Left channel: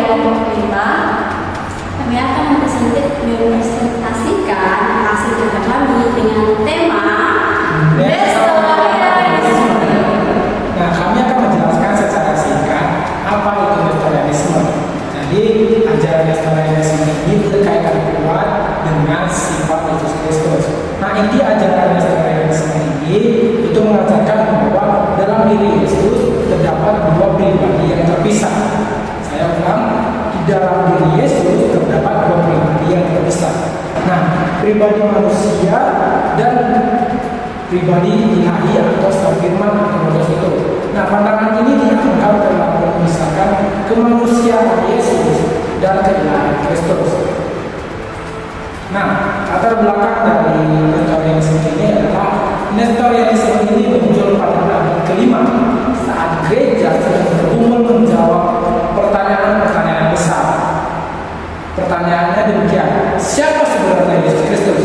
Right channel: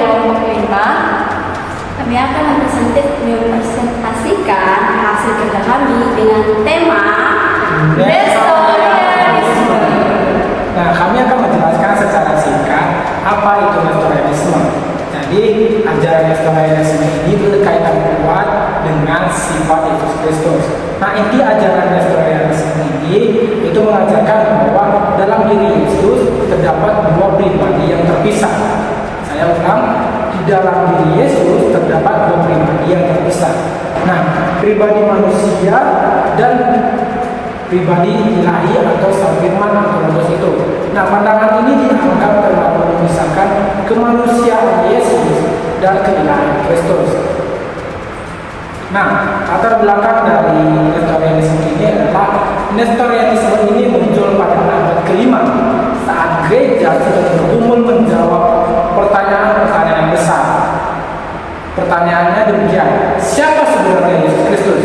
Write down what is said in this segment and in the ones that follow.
kelompok 5, kami akan mempresentasikan hasil kerja kami dengan tema Nestorianisme. Nah, kami akan menjelaskan secara singkat apa itu Nestorianisme. Jadi, ajaran Nestorianisme ini berkaitan kuat dengan sifat Yesus Kristus. Nah, inti ajaran Nestorianisme ini itu mengajarkan bahwa dalam diri Yesus terdapat dua pribadi yang terpisah. Saya ulang, di dalam diri Yesus terdapat dua pribadi yang terpisah. Nah, pribadi manusia dan pribadi ilahi atau sang firman atau Logos itu. Nah, pandangan ini dianggap telah memisahkan kemanusiaan Yesus dan keilahian Kristus. Nah, latar belakang dari Nestorianisme ini adalah Nestorianisme ini muncul pada abad kelima saat gereja sedang bergumul menjawab pertanyaan-pertanyaan besar. Pertanyaannya demikian: siapa sebenarnya Yesus Kristus?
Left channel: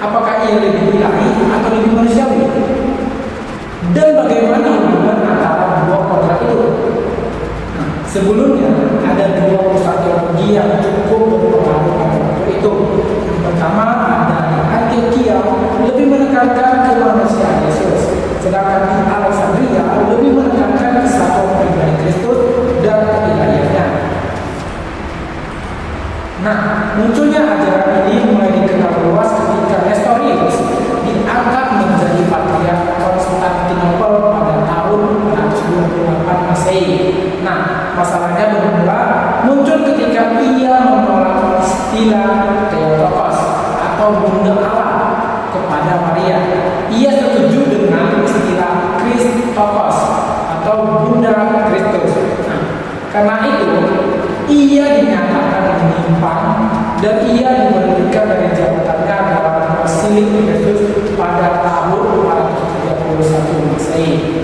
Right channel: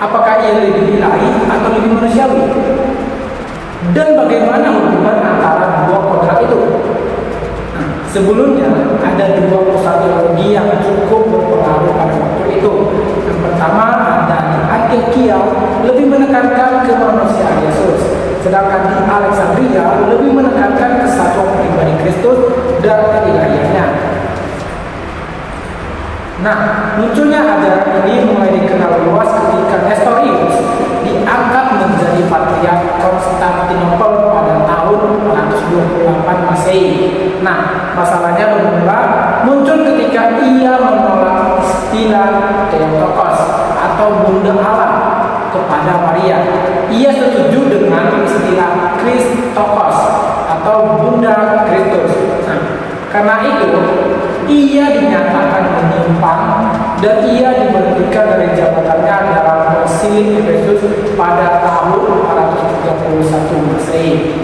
Apakah ia lebih ilahi atau lebih manusiawi? Dan bagaimana hubungan antara dua kodrat itu? Nah, sebelumnya ada dua pusat teologi yang cukup berpengaruh pada waktu itu. Yang pertama ada di Antioquia lebih menekankan kemanusiaan Yesus, sedangkan di Alexandria lebih menekankan kesatuan pribadi Kristus dan keilahiannya. Nah, munculnya ajaran ini mulai dikenal luas ketika Nestorius diangkat menjadi patriark Konstantinopel pada tahun 428 Masehi. Nah, masalahnya bermula muncul ketika ia menolak istilah Theotokos atau Bunda Allah kepada Maria. Ia setuju dengan istilah Christokos atau Bunda Kristus. Nah, karena itu ia dinyatakan menyimpang dan ia diberhentikan dari jabatannya dalam konsil Efesus pada tahun 431 Masehi.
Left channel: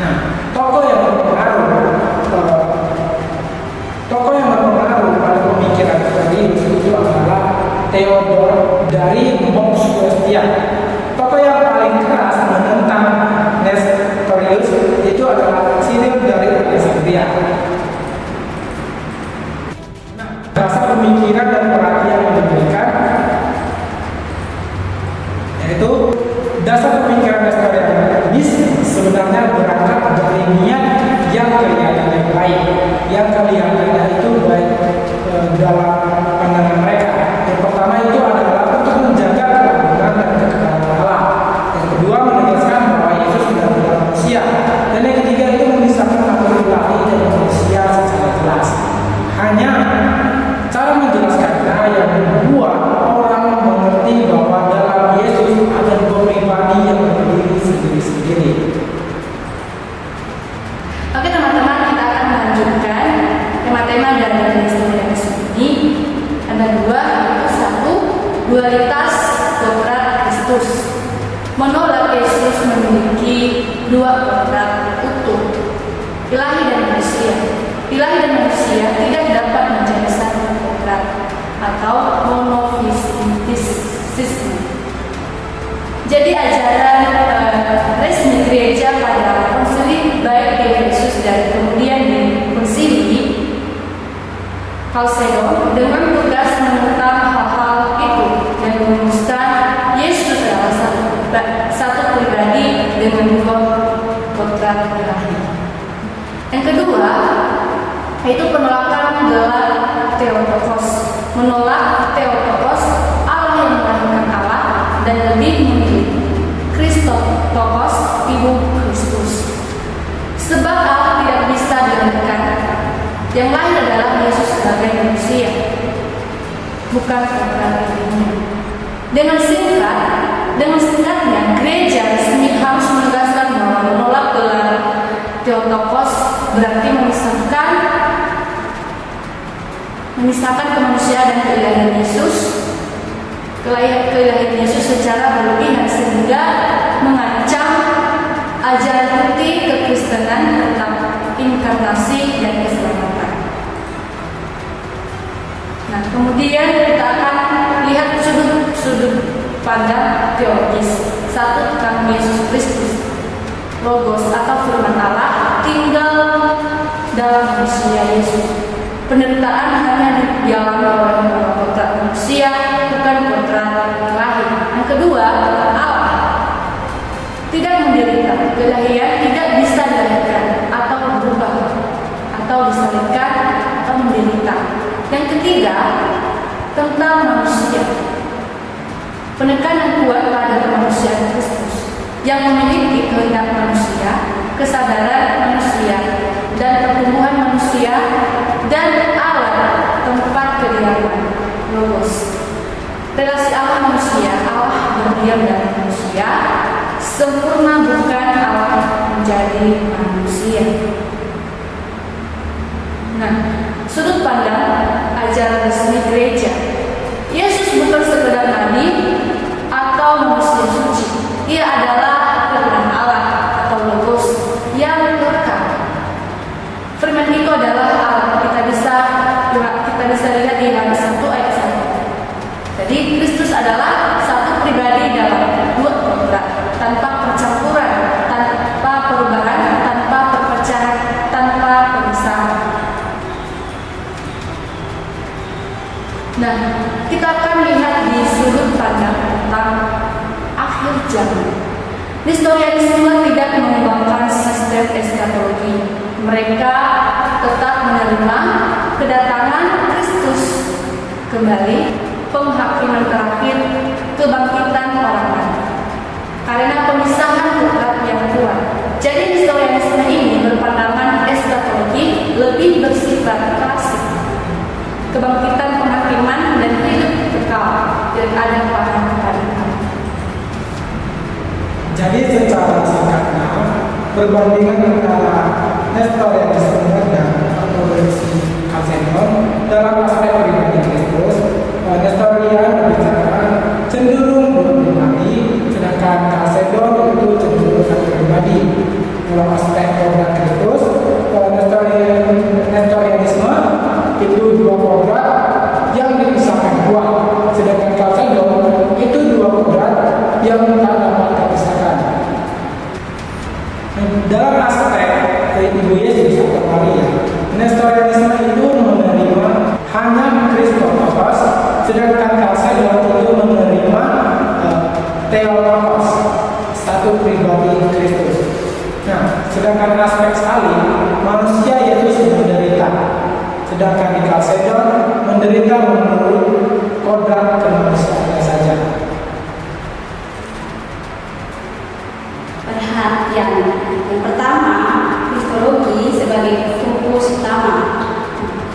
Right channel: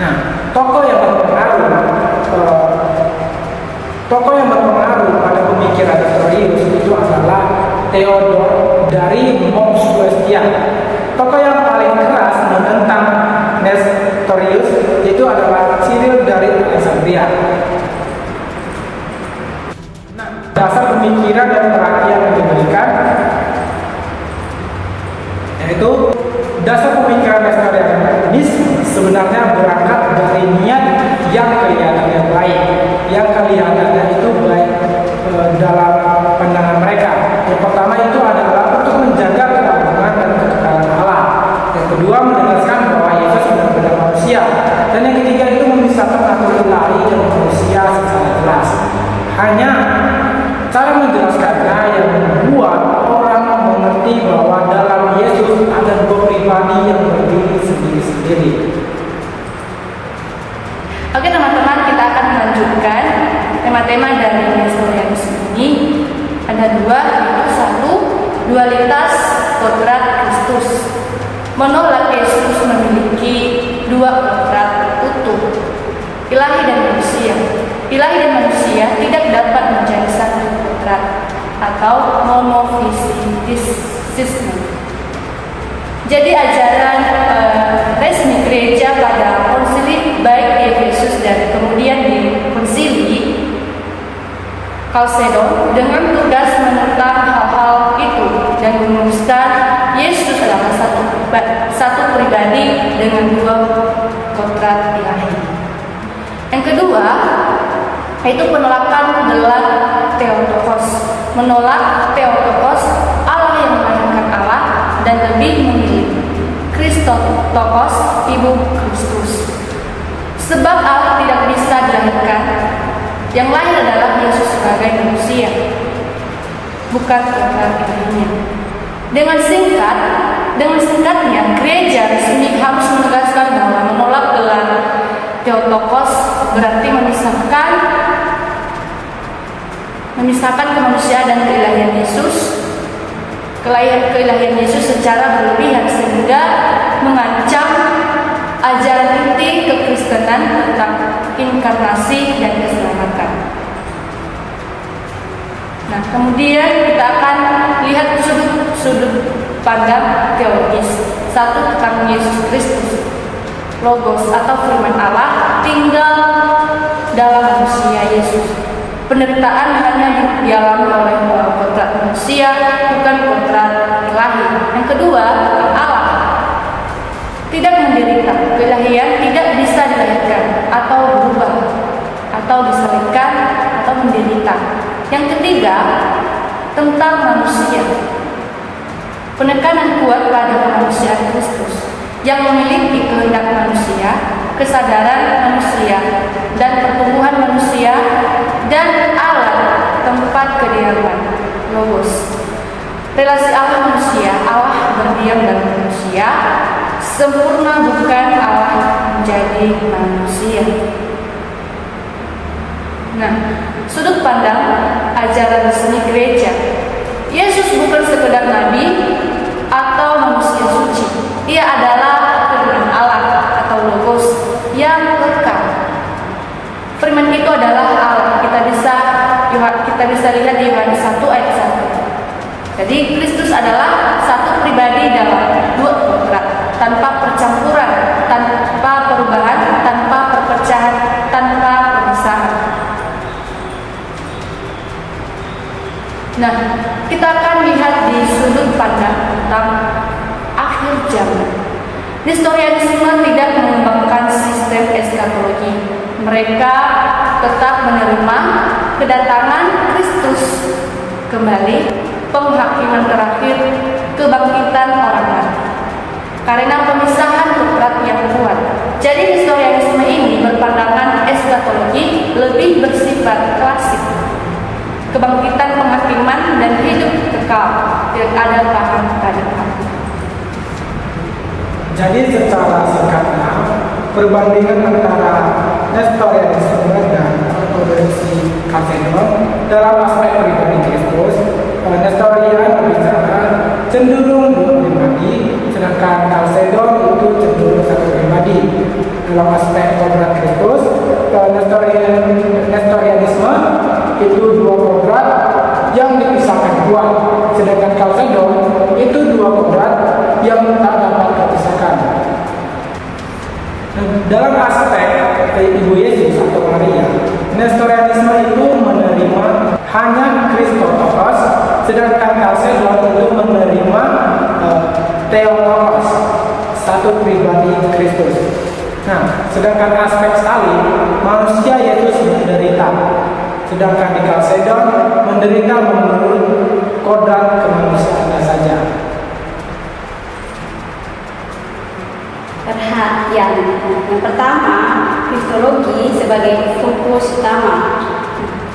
Nah, tokoh yang berpengaruh pada pemikiran Nestorius itu adalah Theodor dari Montsuestia. Tokoh yang paling keras menentang Nestorius itu adalah Cyril dari Alexandria. Nah, dasar pemikiran dan perhatian yang diberikan yaitu dasar pemikiran Nestorianis sebenarnya berangkat dari niat yang kelihatannya baik, yang kelihatannya itu baik dalam pandangan mereka. Yang pertama itu adalah untuk menjaga keagungan dan kekekalan Allah. Yang kedua menegaskan bahwa Yesus benar-benar manusia. Dan yang ketiga itu memisahkan antara ilahi dan manusia secara jelas. Hanya cara menjelaskannya yang membuat orang mengerti bahwa dalam Yesus ada dua pribadi yang berdiri sendiri-sendiri. Oke teman-teman, kita akan melanjutkan tema-tema dari Nestorianisme ini. Ada dua, yaitu satu, dualitas kodrat Kristus. Menolak Yesus memiliki dua kodrat utuh, ilahi dan manusia. Ilahi dan manusia tidak dapat menjadi satu kodrat atau monofisisme. Jadi ajaran resmi gereja pada konsili baik di Efesus dan kemudian di konsili Chalcedon dengan tugas menentang hal-hal itu dan merumuskan Yesus adalah satu pribadi dengan dua kodrat ilahi. Yang kedua, yaitu penolakan gelar Theotokos. Menolak Theotokos, Allah yang melahirkan Allah, dan lebih memilih Christotokos, Ibu Kristus. Sebab Allah tidak bisa dilahirkan, yang lain adalah Yesus sebagai manusia, bukan kodrat ilahinya. Dengan singkatnya, gereja resmi harus menegaskan bahwa menolak gelar Theotokos berarti memisahkan kemanusiaan dan keilahian Yesus secara berlebihan sehingga mengancam ajaran inti kekristenan tentang inkarnasi dan keselamatan. Nah, kemudian kita akan lihat sudut pandang teologis. Satu, tentang Yesus Kristus, Logos atau firman Allah tinggal dalam manusia Yesus. Penderitaan hanya dialami oleh kodrat manusia, bukan kodrat ilahi. Yang kedua, Allah tidak menderita. Keilahian tidak bisa dilahirkan atau berubah, atau disalibkan atau menderita. Yang ketiga, tentang manusia. Penekanan kuat pada kemanusiaan Kristus yang memiliki kehendak manusia, kesadaran manusia, dan pertumbuhan manusia, dan Allah tempat kediaman Logos. Relasi Allah manusia, Allah berdiam dalam manusia, sempurna bukan Allah menjadi manusia. Nah, sudut pandang ajaran resmi gereja, Yesus bukan sekedar nabi atau manusia suci. Ia adalah firman Allah atau Logos yang kekal. Firman itu adalah Allah. Kita bisa lihat di Yohanes 1 ayat 1. Jadi Kristus adalah satu pribadi dalam dua kodrat, tanpa percampuran, tanpa perubahan, tanpa perpecahan, tanpa pemisahan. Nah, kita akan lihat di sudut pandang tentang akhir zaman. Nestorianisme tidak mengembangkan sistem eskatologi. Mereka tetap menerima kedatangan Kristus kembali, penghakiman terakhir, kebangkitan orang mati. Karena pemisahan kodrat yang kuat. Jadi nestorianisme ini berpandangan eskatologi lebih bersifat klasik. Kebangkitan, penghakiman, dan hidup kekal, dan ada paham keadilan. Jadi secara singkatnya, perbandingan antara Nestorianisme dan ortodoksi Kalsedon dalam aspek pribadi Kristus, Nestorian berbicara cenderung dua pribadi, sedangkan Kalsedon itu cenderung satu pribadi. Dalam aspek kodrat Kristus, Nestorianisme itu dua kodrat yang dipisahkan kuat, sedangkan Kalsedon itu dua kodrat yang tak dapat terpisahkan. Dalam aspek Ibu Yesus atau Maria, Nestorianisme itu menerima hanya Christotokos, sedangkan Kalsedon itu menerima Theotokos, satu pribadi Kristus. Nah, sedangkan aspek sekali manusia Yesus menderita, sedangkan di Kalsedon menderita menurut kodrat kemanusiaannya saja. Perhatian. Yang pertama, kristologi sebagai fokus utama.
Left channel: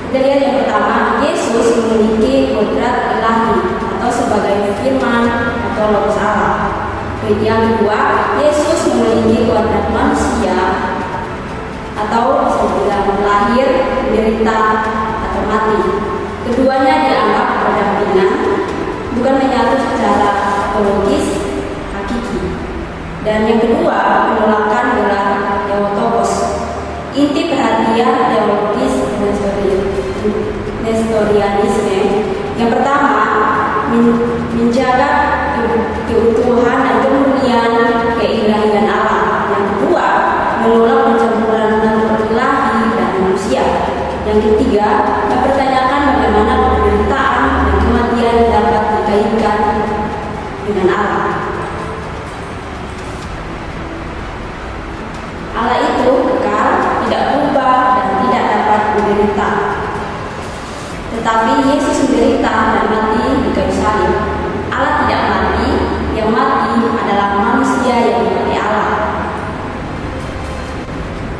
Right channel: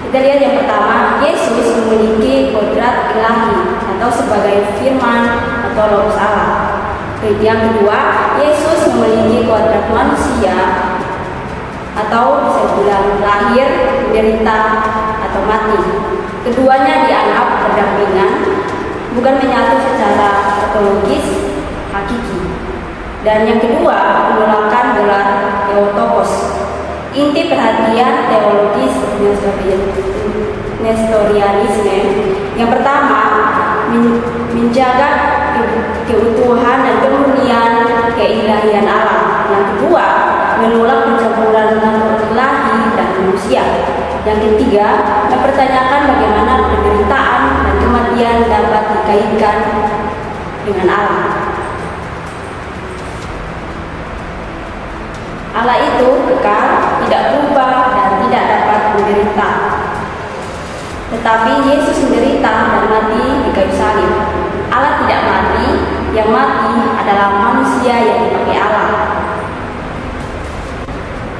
Kita lihat yang pertama, Yesus memiliki kodrat ilahi atau sebagai firman atau Logos Allah. Yang kedua, Yesus memiliki kodrat manusia atau bisa dibilang lahir, menderita, atau mati. Keduanya dianggap berdampingan, bukan menyatu secara ontologis hakiki. Dan yang kedua, penolakan gelar Theotokos. Inti perhatian teologis Nestorianisme yang pertama, menjaga keutuhan dan kemurnian keilahian Allah. Yang kedua, menolak pencampuran antara ilahi dan manusia. Yang ketiga, mempertanyakan bagaimana penderitaan dan kematian dapat dikaitkan dengan Allah. Allah itu kekal, tidak berubah, dan tidak dapat menderita. Tetapi Yesus menderita dan mati di kayu salib. Allah tidak mati, yang mati adalah manusia yang dipakai Allah.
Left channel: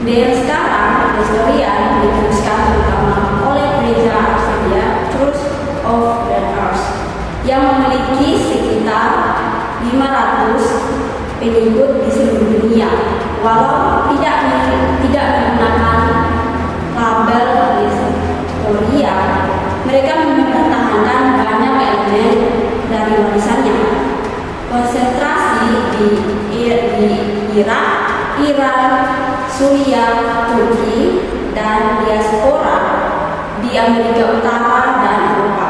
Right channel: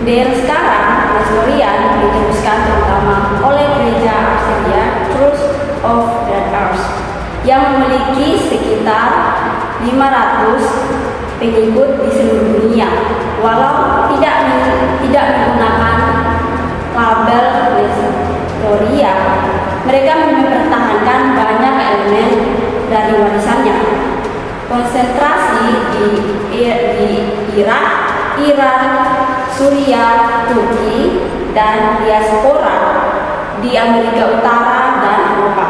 Di era sekarang, Nestorian diteruskan terutama oleh gereja Arsedia Church of the Earth yang memiliki sekitar 500 pengikut di seluruh dunia. Walau tidak menggunakan label Nestoria, mereka mempertahankan banyak elemen dari warisannya. Konsentrasi di Irak, Iran, Suriah, Turki, dan diaspora di Amerika Utara dan Eropa.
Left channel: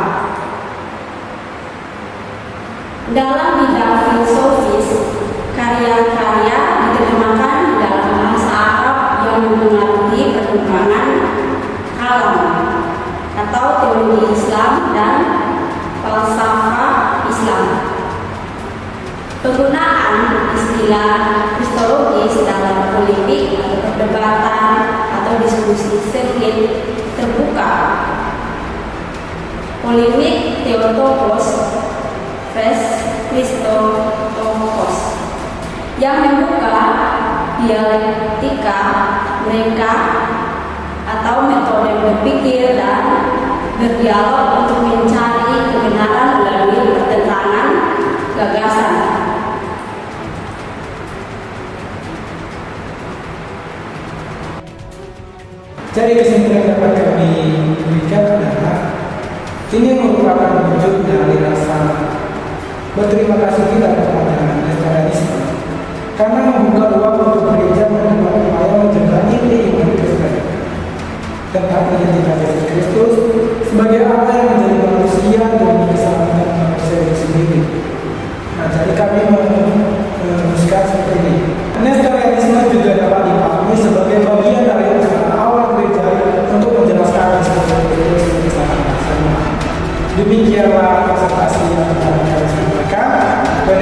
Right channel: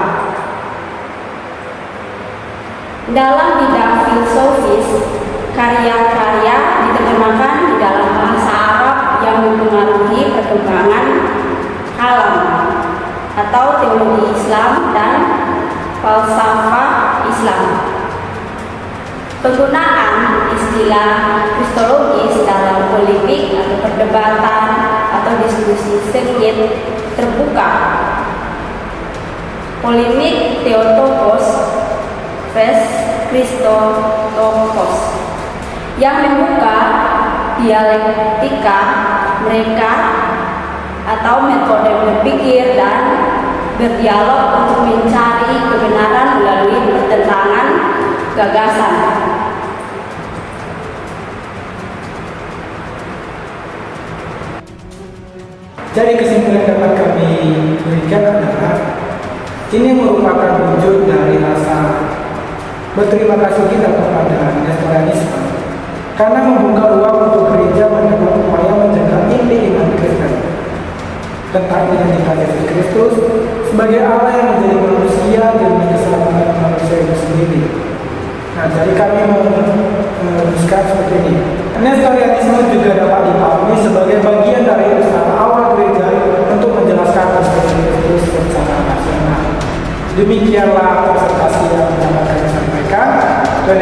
Dalam bidang filosofis, karya-karya diterjemahkan di dalam bahasa Arab yang mempengaruhi perkembangan alam atau teologi Islam dan falsafah Islam. Penggunaan istilah kristologis dalam polemik atau perdebatan atau diskusi sengit terbuka. Polemik Theotokos vs Christotokos yang membuka dialektika mereka atau metode berpikir dan berdialog untuk mencari kebenaran melalui pertentangan gagasan. Jadi kesimpulan yang dapat kami berikan adalah ini merupakan wujud dari rasa berterima kasih kita kepada Nestorianisme karena membuka ruang untuk gereja mencoba upaya menjaga inti iman Kristen tentang identitas Yesus Kristus sebagai Allah yang menjadi manusia dan keselamatan manusia itu sendiri. Nah, jadi kami menuliskan seperti ini. Nestorianisme juga dapat dipahami sebagai bagian dari usaha awal gereja untuk menjelaskan Kristus secara rasional. Demikianlah konsultasi yang dapat saya sampaikan. Dan